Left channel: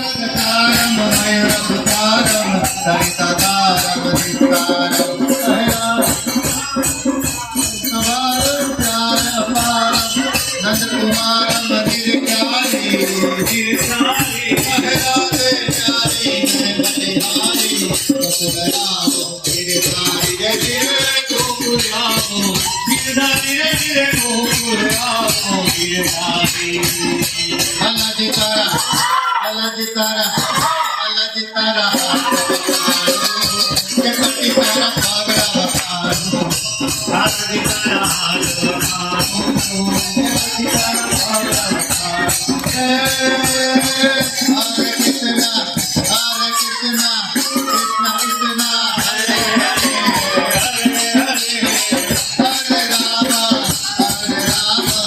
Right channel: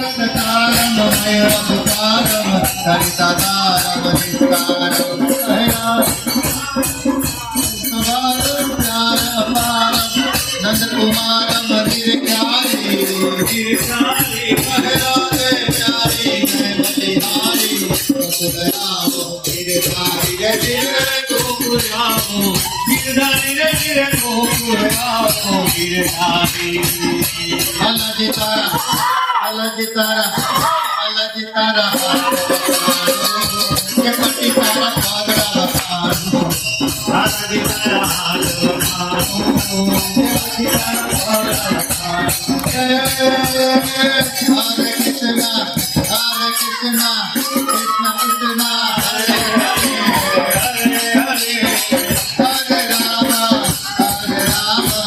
प्रगतारम मयूरभुतारम सरिताधारम विस्तारम Nand Komaram गिरकारी Allah di tara jepati para bhagavanu Allah di tara Hare Krishna Krishna Krishna Hare Hare Hare Rama Hare Rama